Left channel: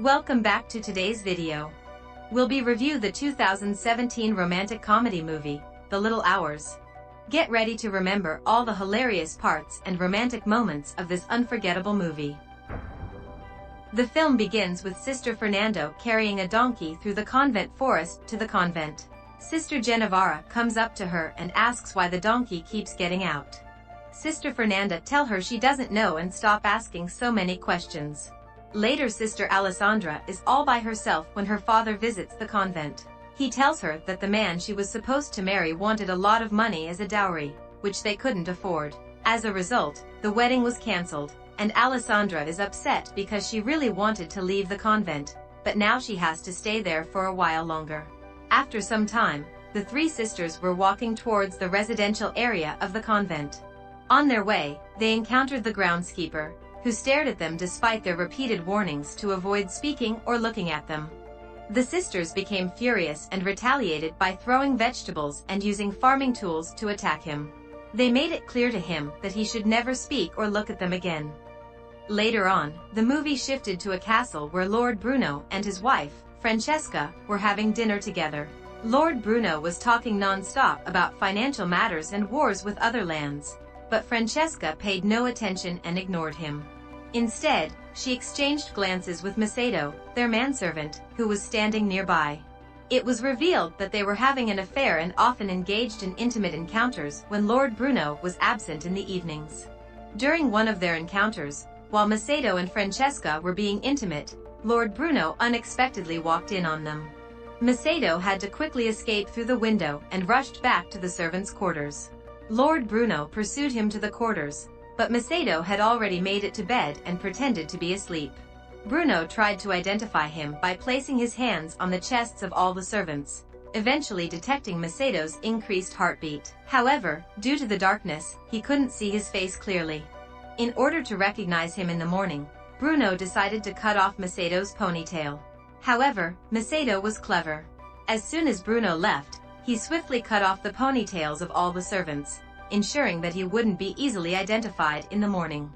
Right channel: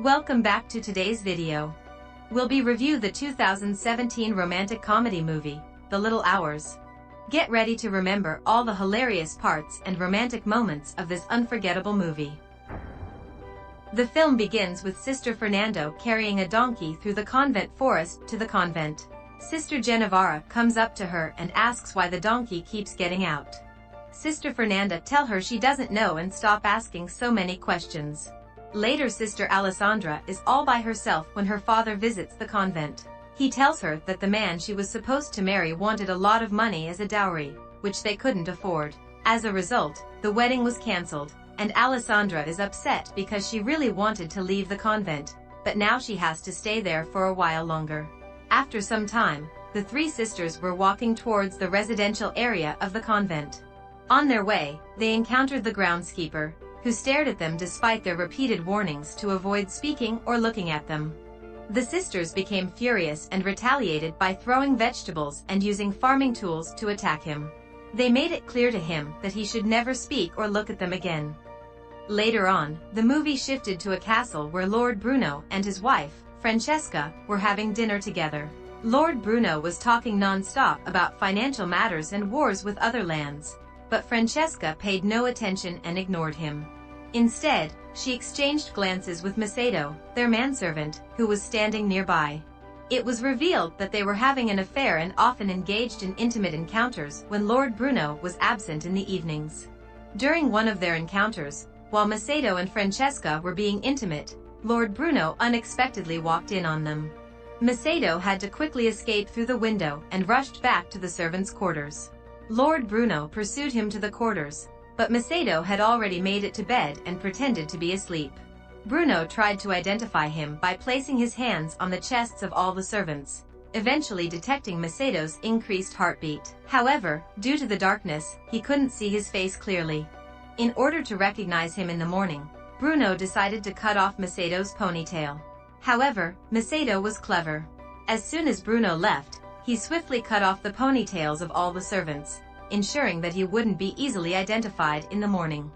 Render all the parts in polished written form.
Welcome back to today's video. We'll be review the 2017 romantic comedy movie, The Little Hours. Get ready to remember all the hilarious parts and romantic moments of this unforgettable movie. The film begins with Sister Fernando carrying a donkey through the convent forest to the convent. Sister Genevara comes up to her and asks why the donkey keeps getting out. Sister Fernanda tells her she doesn't know and stop asking so many questions. Later, Sister Alessandra is all by herself when her father visits the convent. He tells her that the man she was supposed to marry wanted a lot of money as a dowry, which they couldn't afford. As a result, the wedding was cancelled, and Alessandra is upset because she really wanted to leave the convent, but now she has to stay there for a while longer. After some time, the three sisters were walking towards the residential area of the convent. On their way, they encountered the groundskeeper, who stared at them despite their repeated warnings to avoid speaking or looking at them. The sisters became furious and retaliated by throwing vegetables and using farming tools to attack him. They made it clear to him that he should never speak or look at them again. Later on, the movie shifted to a castle where Lord Bruno and his wife, Francesca, were having dinner together. Lord Bruno was talking non-stop about financial matters and wars with other lands, but Francesca paid no attention and ignored him. Instead, she exchanged glances with Macedo, their manservant, who was standing nearby. It was revealed that they were having an affair and often engaged in intimate encounters when Lord Bruno was absent in the evenings. During one of their encounters, while Macedo and Francesca were being intimate, Lord Bruno unexpectedly walked in on them. Macedo had to quickly escape through the window and rushed back to the servants' quarters. Lord Bruno pursued him to the quarters, but Macedo had already made it to bed and pretended to be asleep. Bruno tried to identify him by placing his hands on the chests of all the servants, eventually detecting Macedo's increased heartbeat. However, due to the darkness, he couldn't see his face clearly. In order to recognize him in the morning, Bruno decided to cut off Macedo's ponytail. However, Macedo was clever. As soon as Bruno left, he swiftly cut off the ponytails of all the servants, ensuring that he wouldn't be easily identified in the morning.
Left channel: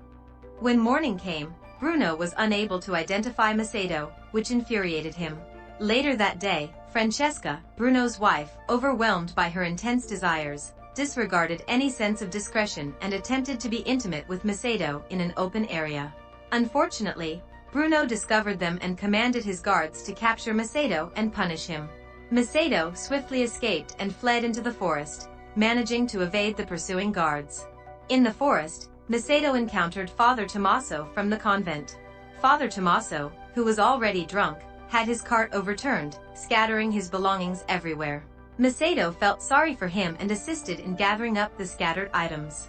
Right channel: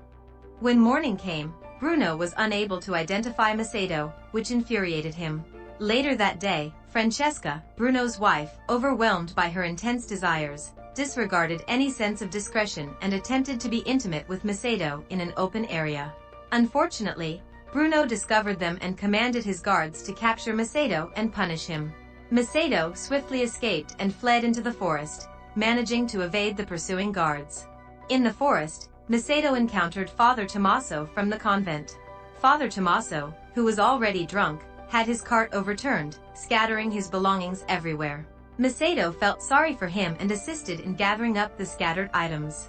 When morning came, Bruno was unable to identify Macedo, which infuriated him. Later that day, Francesca, Bruno's wife, overwhelmed by her intense desires, disregarded any sense of discretion and attempted to be intimate with Macedo in an open area. Unfortunately, Bruno discovered them and commanded his guards to capture Macedo and punish him. Macedo swiftly escaped and fled into the forest, managing to evade the pursuing guards. In the forest, Macedo encountered Father Tommaso from the convent. Father Tommaso, who was already drunk, had his cart overturned, scattering his belongings everywhere. Macedo felt sorry for him and assisted in gathering up the scattered items.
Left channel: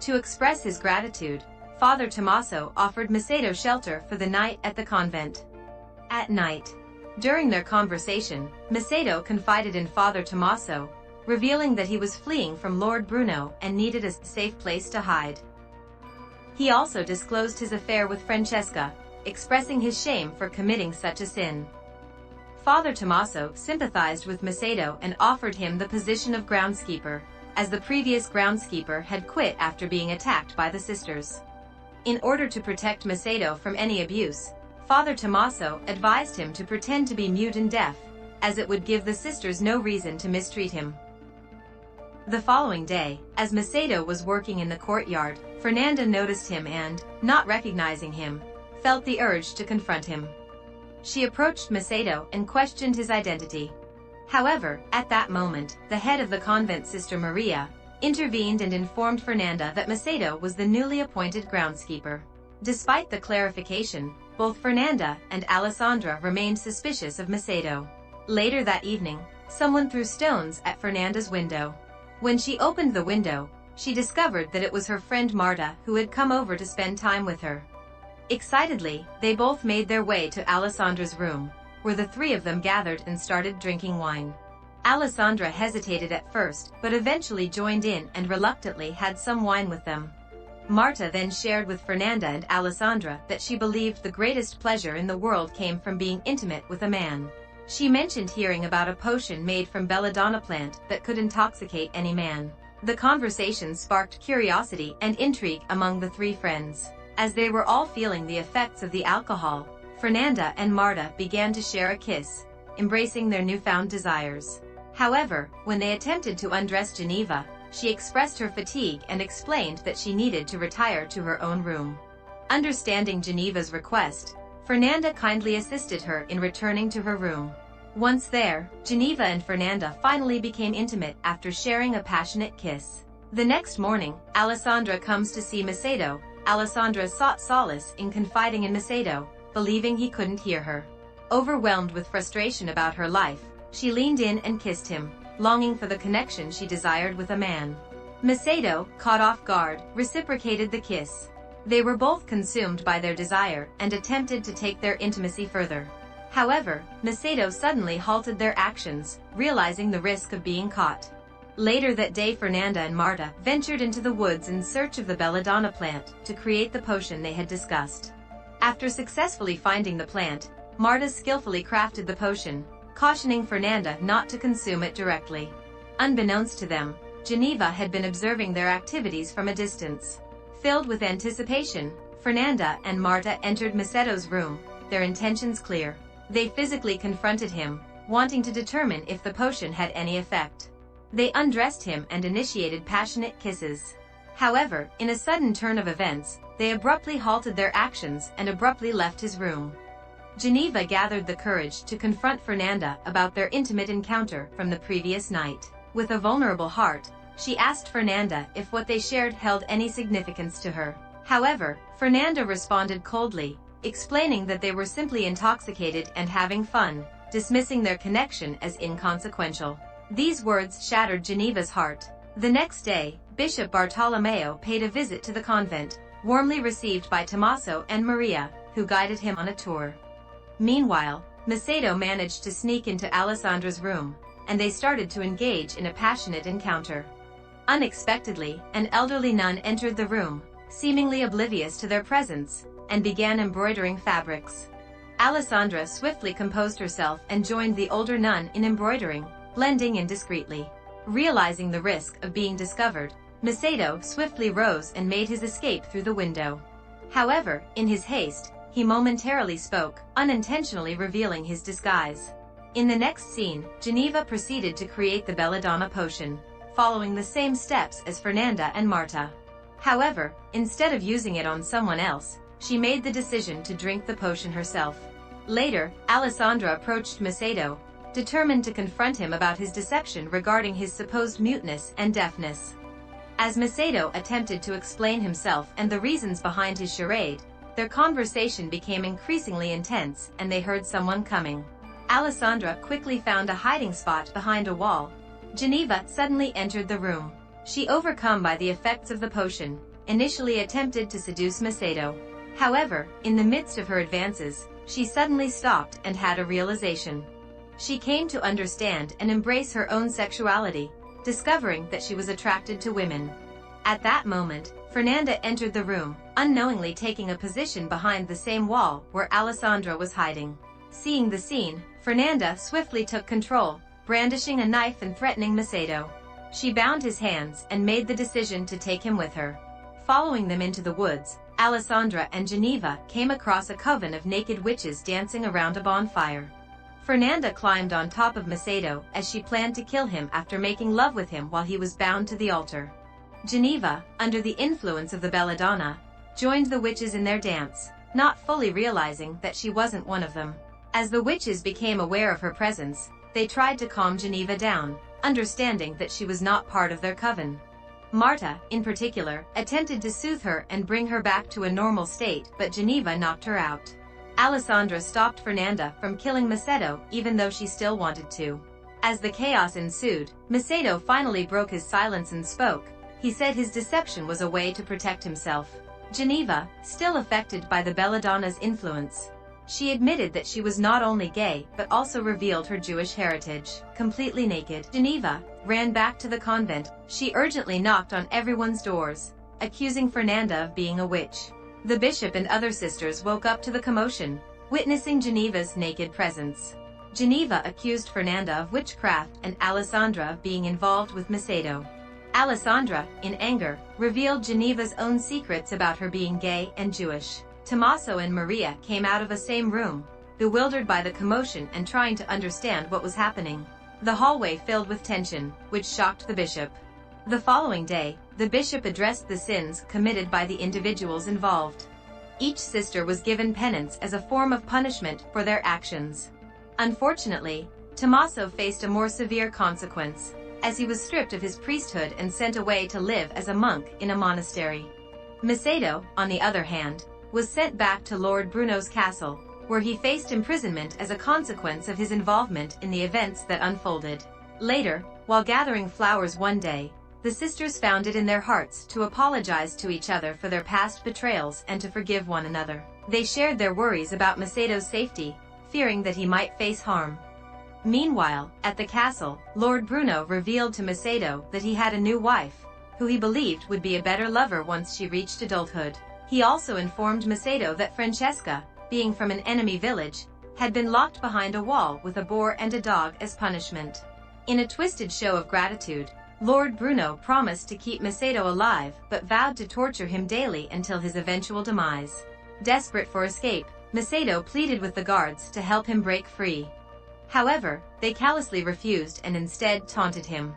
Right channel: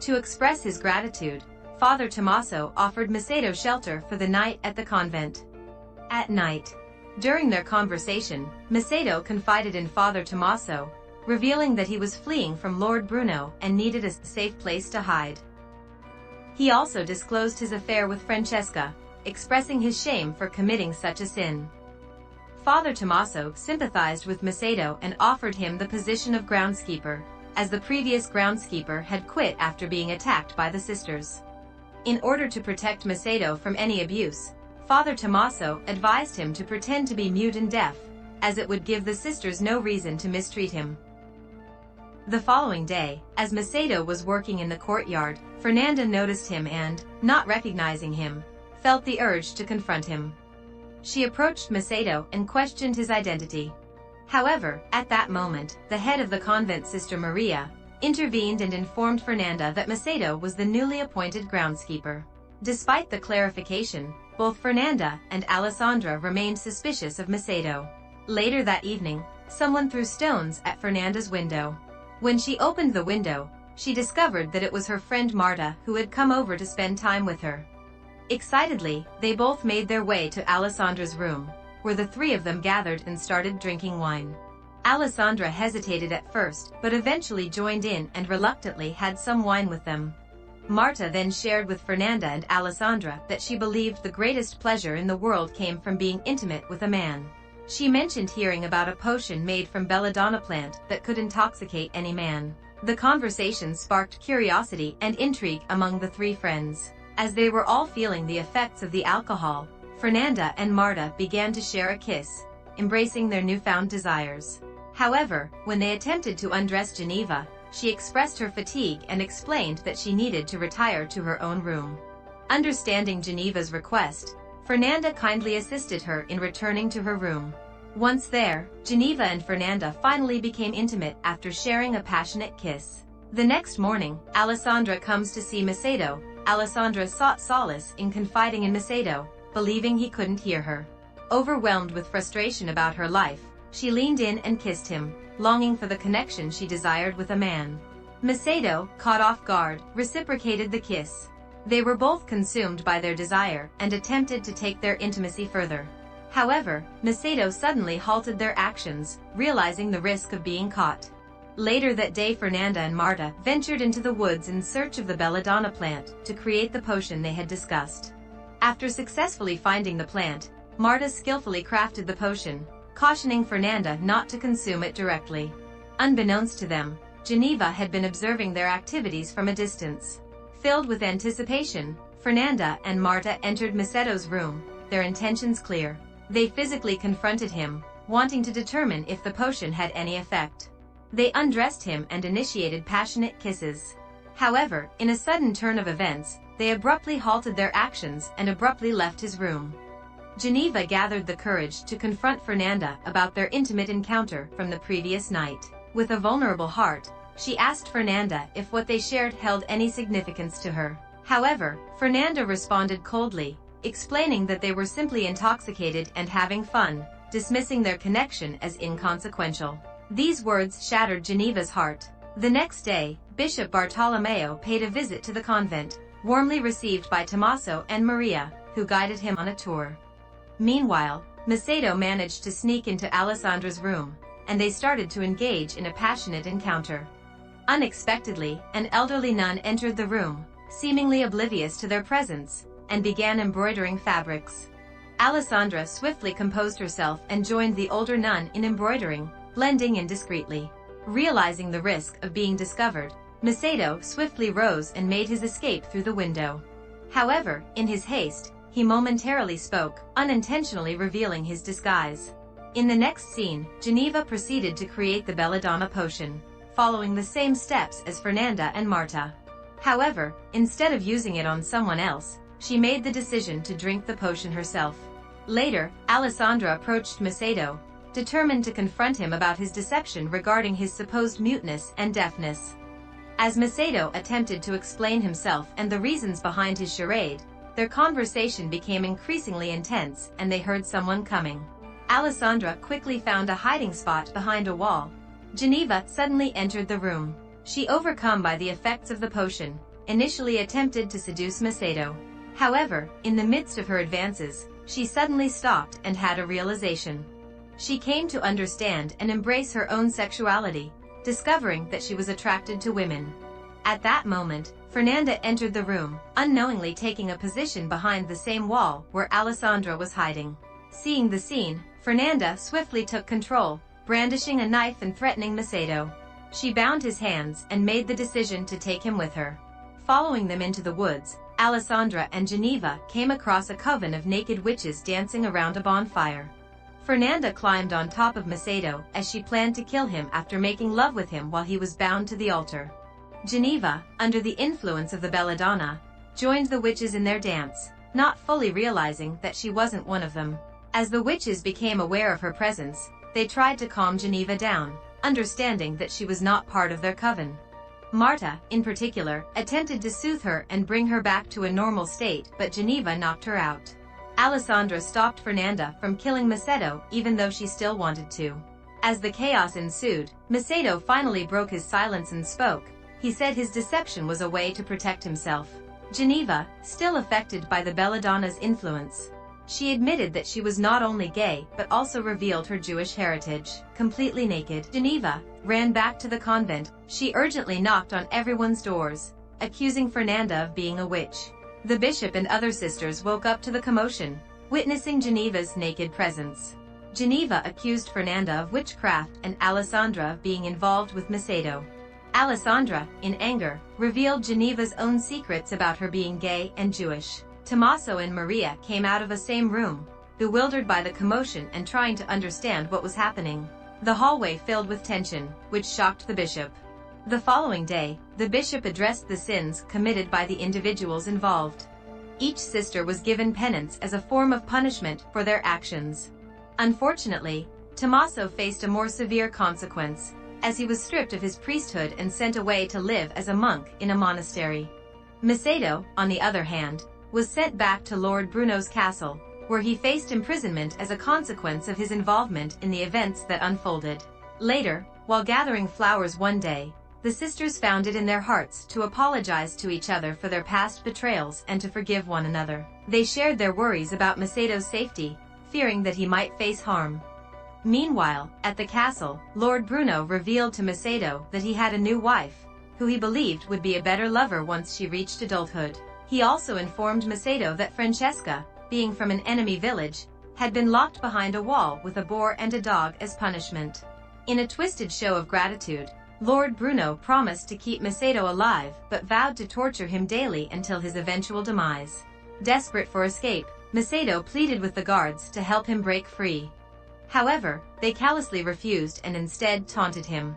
To express his gratitude, Father Tommaso offered Macedo shelter for the night at the convent. At night, during their conversation, Macedo confided in Father Tommaso, revealing that he was fleeing from Lord Bruno and needed a safe place to hide. He also disclosed his affair with Francesca, expressing his shame for committing such a sin. Father Tommaso sympathized with Macedo and offered him the position of groundskeeper, as the previous groundskeeper had quit after being attacked by the sisters. In order to protect Macedo from any abuse, Father Tommaso advised him to pretend to be mute and deaf, as it would give the sisters no reason to mistreat him. The following day, as Macedo was working in the courtyard, Fernanda noticed him and, not recognizing him, felt the urge to confront him. She approached Macedo and questioned his identity. However, at that moment, the head of the convent, Sister Maria, intervened and informed Fernanda that Macedo was the newly appointed groundskeeper. Despite the clarification, both Fernanda and Alessandra remained suspicious of Macedo. Later that evening, someone threw stones at Fernanda's window. When she opened the window, she discovered that it was her friend Marta who had come over to spend time with her. Excitedly, they both made their way to Alessandra's room, where the three of them gathered and started drinking wine. Alessandra hesitated at first, but eventually joined in and reluctantly had some wine with them. Marta then shared with Fernanda and Alessandra that she believed the greatest pleasure in the world came from being intimate with a man. She mentioned hearing about a potion made from belladonna plant that could intoxicate any man. The conversation sparked curiosity and intrigue among the three friends. As they were all feeling the effects of the alcohol, Fernanda and Marta began to share a kiss, embracing their newfound desires. However, when they attempted to undress Geneva, she expressed her fatigue and explained that she needed to retire to her own room. Understanding Geneva's request, Fernanda kindly assisted her in returning to her room. Once there, Geneva and Fernanda finally became intimate after sharing a passionate kiss. The next morning, Alessandra comes to see Macedo. Alessandra sought solace in confiding in Macedo, believing he couldn't hear her. Overwhelmed with frustration about her life, she leaned in and kissed him, longing for the connection she desired with a man. Macedo, caught off guard, reciprocated the kiss. They were both consumed by their desire and attempted to take their intimacy further. However, Macedo suddenly halted their actions, realizing the risk of being caught. Later that day, Fernanda and Marta ventured into the woods in search of the belladonna plant to create the potion they had discussed. After successfully finding the plant, Marta skillfully crafted the potion, cautioning Fernanda not to consume it directly. Unbeknownst to them, Geneva had been observing their activities from a distance. Filled with anticipation, Fernanda and Marta entered Macedo's room, their intentions clear. They physically confronted him, wanting to determine if the potion had any effect. They undressed him and initiated passionate kisses. However, in a sudden turn of events, they abruptly halted their actions and abruptly left his room. Geneva gathered the courage to confront Fernanda about their intimate encounter from the previous night. With a vulnerable heart, she asked Fernanda if what they shared held any significance to her. However, Fernanda responded coldly, explaining that they were simply intoxicated and having fun, dismissing their connection as inconsequential. These words shattered Geneva's heart. The next day, Bishop Bartolomeo paid a visit to the convent, warmly received by Tommaso and Maria, who guided him on a tour. Meanwhile, Macedo managed to sneak into Alessandra's room, and they started to engage in a passionate encounter. Unexpectedly, an elderly nun entered the room, seemingly oblivious to their presence, and began embroidering fabrics. Alessandra swiftly composed herself and joined the older nun in embroidering, blending in discreetly. Realizing the risk of being discovered, Macedo swiftly rose and made his escape through the window. However, in his haste, he momentarily spoke, unintentionally revealing his disguise. In the next scene, Geneva proceeded to create the belladonna potion, following the same steps as Fernanda and Marta. However, instead of using it on someone else, she made the decision to drink the potion herself. Later, Alessandra approached Macedo, determined to confront him about his deception regarding his supposed muteness and deafness. As Macedo attempted to explain himself and the reasons behind his charade, their conversation became increasingly intense and they heard someone coming. Alessandra quickly found a hiding spot behind a wall. Geneva suddenly entered the room. She, overcome by the effects of the potion, initially attempted to seduce Macedo. However, in the midst of her advances, she suddenly stopped and had a realization. She came to understand and embrace her own sexuality, discovering that she was attracted to women. At that moment, Fernanda entered the room, unknowingly taking a position behind the same wall where Alessandra was hiding. Seeing the scene, Fernanda swiftly took control, brandishing a knife and threatening Macedo. She bound his hands and made the decision to take him with her. Following them into the woods, Alessandra and Geneva came across a coven of naked witches dancing around a bonfire. Fernanda climbed on top of Macedo as she planned to kill him after making love with him while he was bound to the altar. Geneva, under the influence of the belladonna, joined the witches in their dance, not fully realizing that she wasn't one of them. As the witches became aware of her presence, they tried to calm Geneva down, understanding that she was not part of their coven. Marta, in particular, attempted to soothe her and bring her back to a normal state, but Geneva knocked her out. Alessandra stopped Fernanda from killing Macedo even though she still wanted to. As the chaos ensued, Macedo finally broke his silence and spoke. He said his deception was a way to protect himself. Geneva, still affected by the belladonna's influence, she admitted that she was not only gay but also revealed her Jewish heritage. Completely naked, Geneva ran back to the convent. She urgently knocked on everyone's doors, accusing Fernanda of being a witch. The bishop and other sisters woke up to the commotion, witnessing Geneva's naked presence. Geneva accused Fernanda of witchcraft and Alessandra of being involved with Macedo. Alessandra, in anger, revealed Geneva's own secrets about her being gay and Jewish. Tommaso and Maria came out of the same room, bewildered by the commotion and trying to understand what was happening. The hallway filled with tension, which shocked the bishop. The following day, the bishop addressed the sins committed by the individuals involved. Each sister was given penance as a form of punishment for their actions. Unfortunately, Tommaso faced a more severe consequence, as he was stripped of his priesthood and sent away to live as a monk in a monastery. Macedo, on the other hand, was sent back to Lord Bruno's castle, where he faced imprisonment as a consequence of his involvement in the events that unfolded. Later, while gathering flowers one day, the sisters found it in their hearts to apologize to each other for their past betrayals and to forgive one another. They shared their worries about Macedo's safety, fearing that he might face harm. Meanwhile, at the castle, Lord Bruno revealed to Macedo that he had a new wife, who he believed would be a better lover once she reached adulthood. He also informed Macedo that Francesca, being from an enemy village, had been locked behind a wall with a boar and a dog as punishment. In a twisted show of gratitude, Lord Bruno promised to keep Macedo alive but vowed to torture him daily until his eventual demise. Desperate for escape, Macedo pleaded with the guards to help him break free. However, they callously refused and instead taunted him.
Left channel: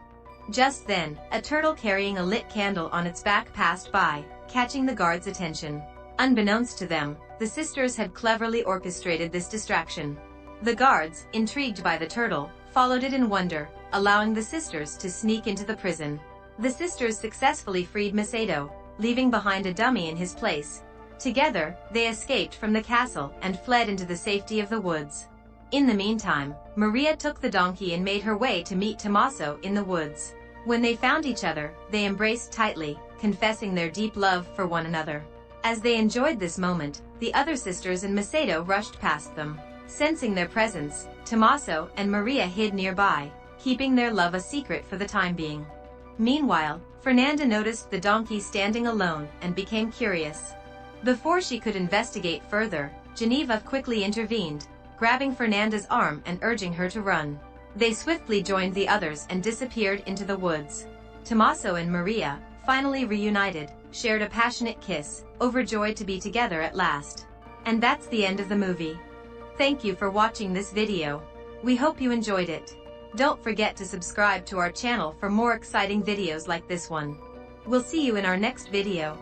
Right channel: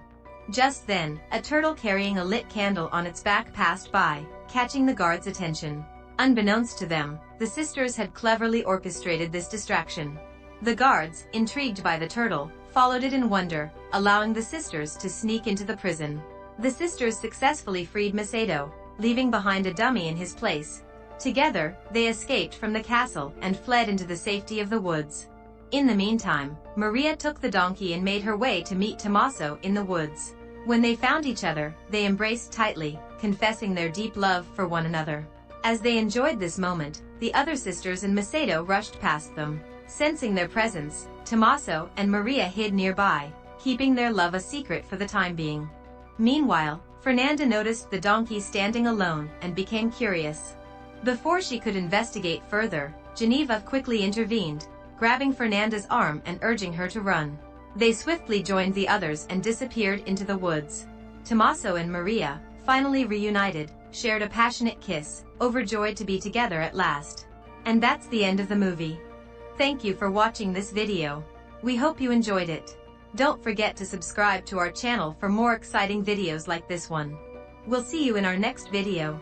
Just then, a turtle carrying a lit candle on its back passed by, catching the guards' attention. Unbeknownst to them, the sisters had cleverly orchestrated this distraction. The guards, intrigued by the turtle, followed it in wonder, allowing the sisters to sneak into the prison. The sisters successfully freed Macedo, leaving behind a dummy in his place. Together, they escaped from the castle and fled into the safety of the woods. In the meantime, Maria took the donkey and made her way to meet Tommaso in the woods. When they found each other, they embraced tightly, confessing their deep love for one another. As they enjoyed this moment, the other sisters and Macedo rushed past them. Sensing their presence, Tommaso and Maria hid nearby, keeping their love a secret for the time being. Meanwhile, Fernanda noticed the donkey standing alone and became curious. Before she could investigate further, Geneva quickly intervened, grabbing Fernanda's arm and urging her to run. They swiftly joined the others and disappeared into the woods. Tommaso and Maria, finally reunited, shared a passionate kiss, overjoyed to be together at last. And that's the end of the movie. Thank you for watching this video. We hope you enjoyed it. Don't forget to subscribe to our channel for more exciting videos like this one. We'll see you in our next video.